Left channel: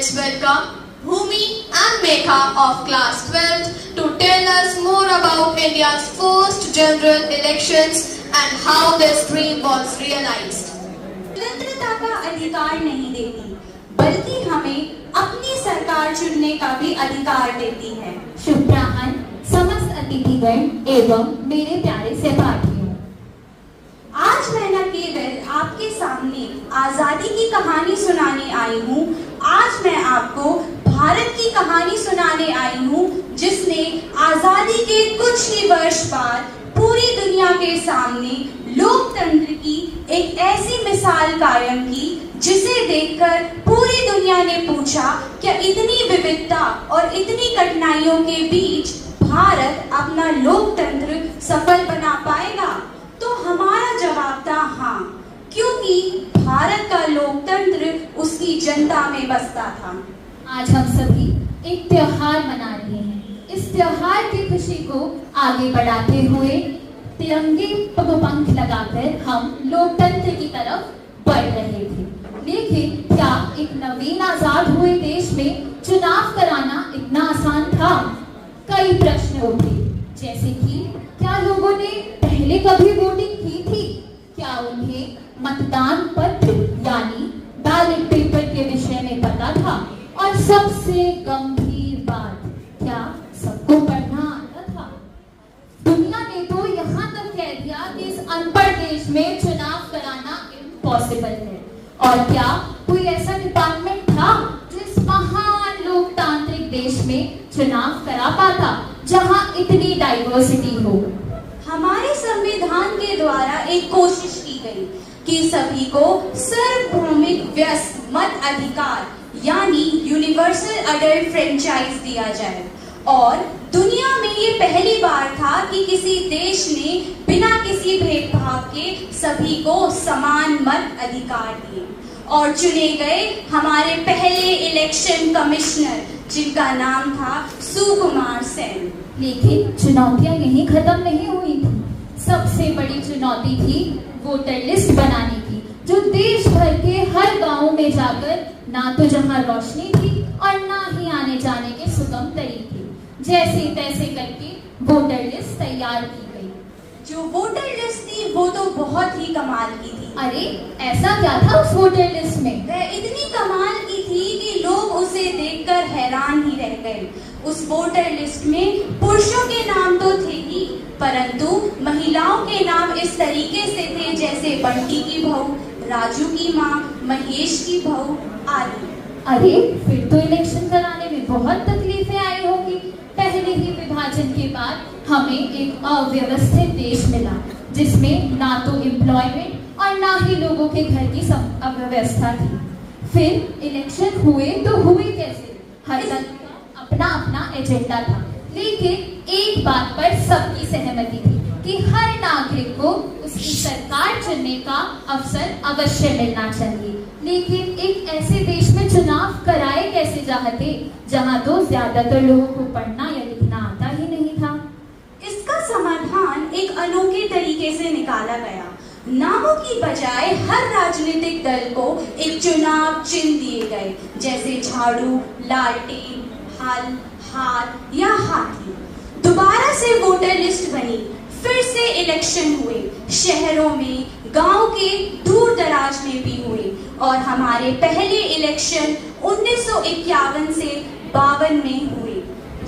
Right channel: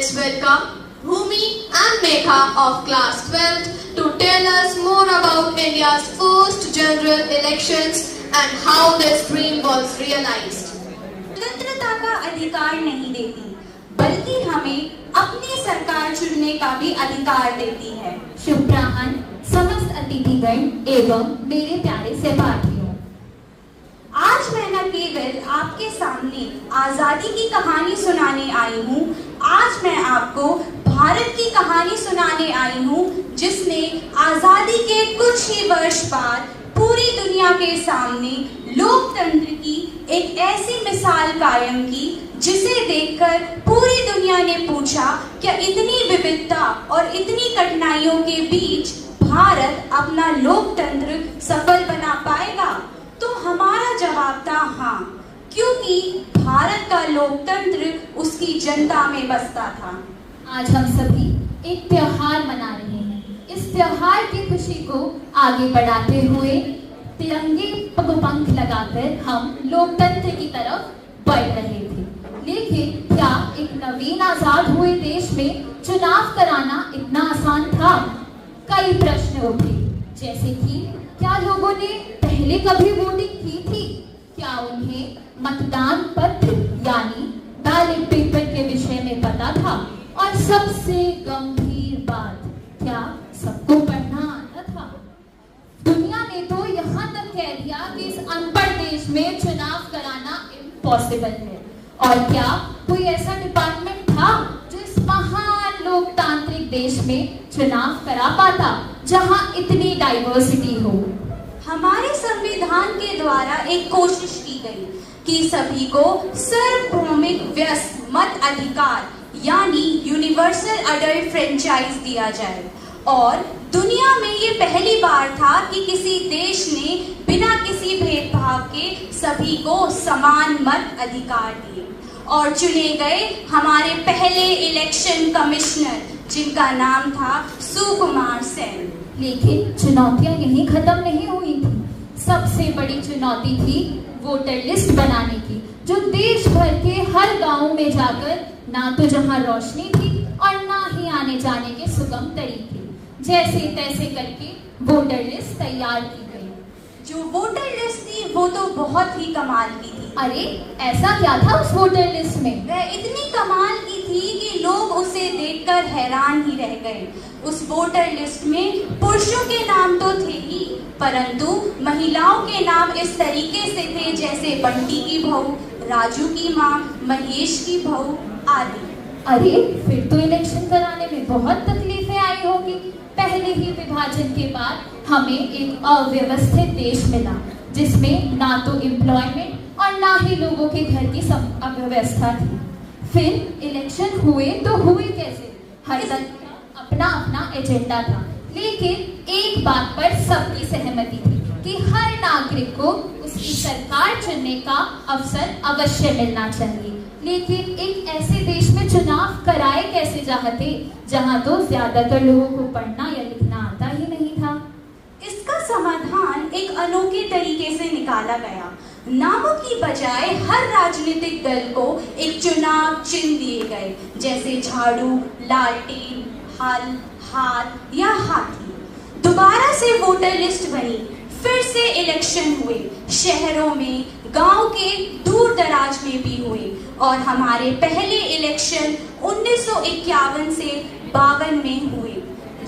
let's welcome Bhumi and Megha of class 12th to tell us more about India's first general elections and how this dream was realized. स्वतंत्रता का अधिकार नहीं देती, बल्कि हमें अपनी सरकार चुनने का भी अधिकार देती है। शुभब्राह्मण, समस्त अतिथिगण एवं मेरे प्यारे सहपाठियों, आज मैं न केवल आपके सामने आजादी की कहानी सुनाने आई हूँ, आज मैं आपको भारत की कहानी सुनाने आई हूँ, जिसने आजादी के कुछ ही वर्ष बाद पूरी दुनिया के सामने लोकतंत्र की एक ऐसी मिसाल कायम की, जिसे देखकर पूरी दुनिया ने पूछा, क्या इतनी विविधता और इतनी कठिनाइयों के बीच भारत अपना लोकतंत्र सफल बना पाएगा? तो हमारा जवाब था हाँ, क्योंकि भारत का लोकतंत्र उसकी जनता में बसता था। आज हम सभी एक त्योहार मना रहे हैं। इस त्योहार की खुशी को आगे बढ़ाते हुए तिरंगे पंख लगाकर हम लोकतंत्र की तरफ बढ़ रहे थे। लेकिन क्या एक नवीन आजाद हुए देश में चुनाव कराना इतना आसान था? कई प्रश्न उठे, जैसे कि क्या लोगों ने पहले कभी वोटिंग की थी? क्या उन्हें मतदान पत्र यानी बैलेट पेपर के विषय में पता था? और सबसे गंभीर बात, क्या सबको पढ़ना आता था? दुनिया ने तो यहाँ तक कह दिया कि इस अनपढ़ देश में चुनाव कराना इम्पॉसिबल है। और क्या कोई ऐसा डिपार्टमेंट था जो इस महान लोकतांत्रिक देश में चुनाव करा पाता, जहाँ इतनी डाइवर्सिटी हो? हमारे संविधान के द्वारा एक कोशिश की गई कि सभी को सार्वभौमिक व्यस्त मत अधिकार यानी यूनिवर्सल अडल्ट फ्रेंचाइज दिया जाए, और दुनिया में ये पहली बार था कि किसी देश ने बिना किसी भेदभाव के सभी को समान मत अधिकार दिए। और चुने गए हमारे पहले इलेक्शन कमिश्नर, जिनका नाम था सुकुमार सेन। लेकिन चुनौतियां यहीं खत्म नहीं हुई थी। सबसे बड़ी चुनौती थी वोटर लिस्ट बनाने की, जो देश भर के हर गांव में जाकर ना तो जहां रोशनी थी और ना ही आने जाने के सुगम तरीके, जैसे तैसे करके वोटर लिस्ट तैयार की गई। जो वोटर लिस्ट थी वो तो बहुत ही कमाल की थी। अरे ऐसा क्या था उस वोटर लिस्ट में? वह इतनी कमाल की थी कि लोग उसे देखकर हैरान ही रह गए। उस वोटर लिस्ट में पुरुषों के नाम तो थे ही, परंतु महिलाओं के नाम इस तरीके से थे जैसे बंटी की बहू, राजू की माँ, महेश की बहू आदि। अरे फिर तो इलेक्शन कराने में बहुत तकलीफें आई होगी। पहले ही विभाजन के बाद हमें एक अव्यवस्थित देश मिला, जिसमें ना तो एम्प्लॉयमेंट और ना ही लोगों के घर की अव्यवस्था थी। फिर इलेक्शन हुए तो हुए कैसे? हर दल का अपना अपना एजेंडा था, लेकिन एक बात पर सबकी सहमति थी कि हर नागरिक को उसकी सरकार चुनने का अवसर अवश्य मिलना चाहिए। लेकिन एक ऐसे देश में चुनाव कराए कैसे चाहते, जहां तो ज्यादातर लोगों को पढ़ना या लिखना आता ही नहीं था। इसका समाधान एक अनोखे तरीके से निकाला गया। नामों की बजाय हर राजनीतिक दल को एक चुनाव चिन्ह दिए गए, जैसे झाड़ू, लालटेन, हल, हाथ या हाथी। दोबारा से वोटर लिस्ट बनी, फिर से इलेक्शन हुए, शहरों में, गांव के दूर दराज में भी हुए, और हमारे पहले इलेक्शन 1951 से 52 में हुए,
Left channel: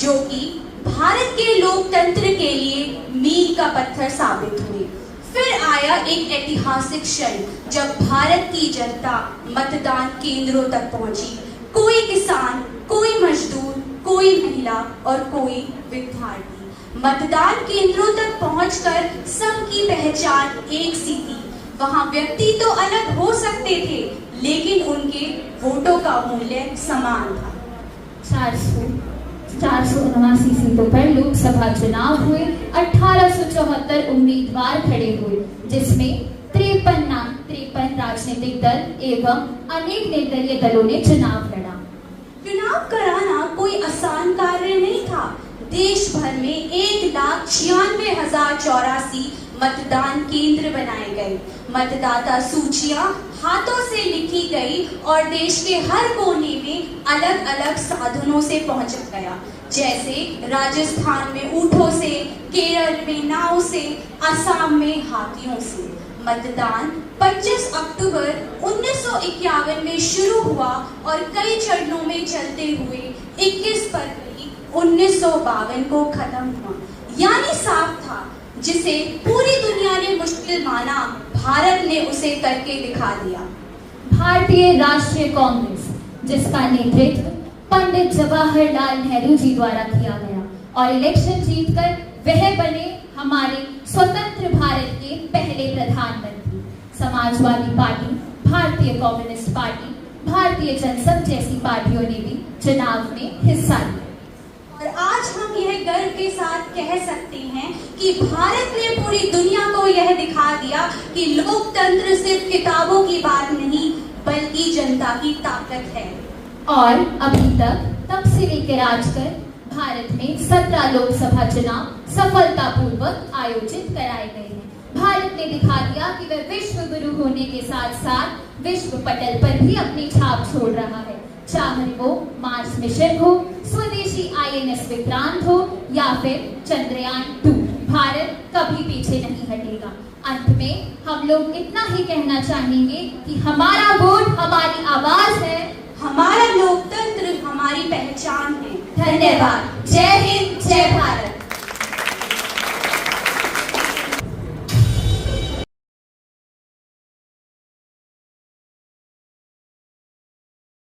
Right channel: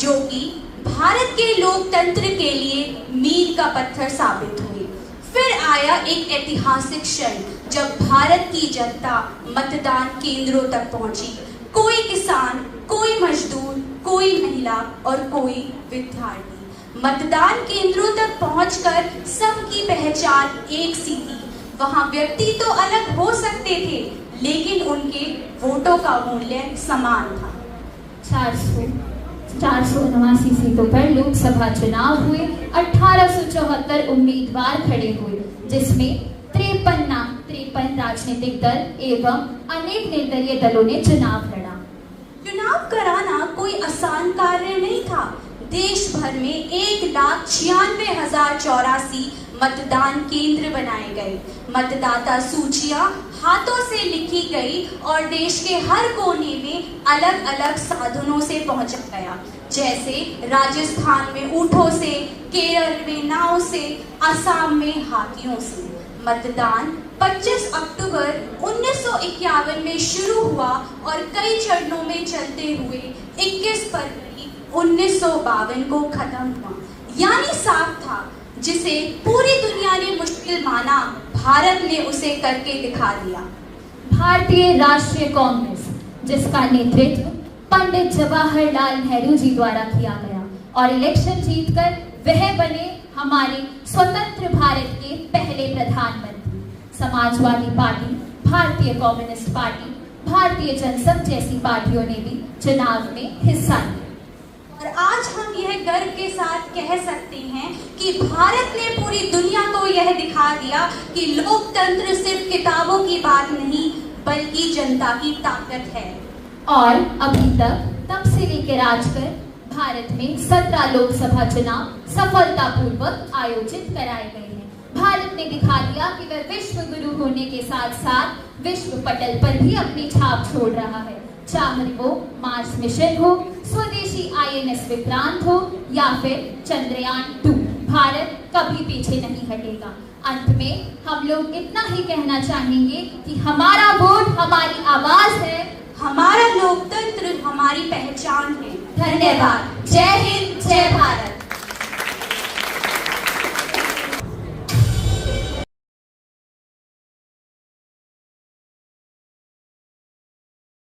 जो कि भारत के लोकतंत्र के लिए मील का पत्थर साबित हुए। फिर आया एक ऐतिहासिक क्षण, जब भारत की जनता मतदान केंद्रों तक पहुंची। कोई किसान, कोई मजदूर, कोई महिला और कोई विद्यार्थी मतदान केंद्रों तक पहुंचकर सबकी पहचान एक सी थी। वहां व्यक्ति तो अलग हो सकते थे, लेकिन उनके वोटों का मूल्य समान था। 479 सीटों पर लोकसभा चुनाव हुए। 1874 उम्मीदवार खड़े हुए, जिसमें 53 राजनीतिक दल एवं अनेक निर्दलीय दलों ने चुनाव लड़ा। चुनाव कराना कोई आसान कार्य नहीं था। देश भर में 1,96,084 मतदान केंद्र बनाए गए, मतदाता सूचियां हाथों से लिखी गई और देश के हर कोने में अलग अलग साधनों से पहुंचा गया, जैसे राजस्थान में ऊंटों से, केरल में नाव से, असम में हाथियों से। मतदान 25 अक्टूबर 1951 में शुरू हुआ और कई चरणों में चलते हुए 21 फरवरी 1952 को खत्म हुआ। यानी साफ था, जिसे पूरी दुनिया ने मुश्किल माना, भारत ने उसे करके दिखा दिया। भारतीय राष्ट्रीय कांग्रेस, जिसका नेतृत्व पंडित जवाहरलाल नेहरू जी द्वारा किया गया और इलेक्शन जीतकर वह बने हमारे स्वतंत्र भारत के पहले प्रधानमंत्री। समाजवादी पार्टी, भारतीय कम्युनिस्ट पार्टी, भारतीय जनसंघ जैसी पार्टियों ने भी चुनाव में हिस्सा लिया। और आज हम यह गर्व के साथ कह सकते हैं कि भारत ने पूरी दुनिया को यह दिखा दिया कि लोकतंत्र सिर्फ किताबों की बात नहीं, बल्कि जनता की ताकत है। और अभी तब से लेकर आज तक भारत में 17 लोकसभा चुनाव सफलतापूर्वक आयोजित कराए गए हैं। भारत ने दिखा दिया कि वह विश्व गुरु होने के साथ साथ विश्व पटल पर भी अपनी छाप छोड़ रहा है, चाहे वो मार्स मिशन हो, स्वदेशी INS विक्रांत हो या फिर चंद्रयान 2, भारत कभी पीछे नहीं हटेगा। अंत में हम लोग इतना ही कहना चाहेंगे कि हमारा वोट हमारी आवाज है, हमारा लोकतंत्र हमारी पहचान है। धन्यवाद। जय हिंद।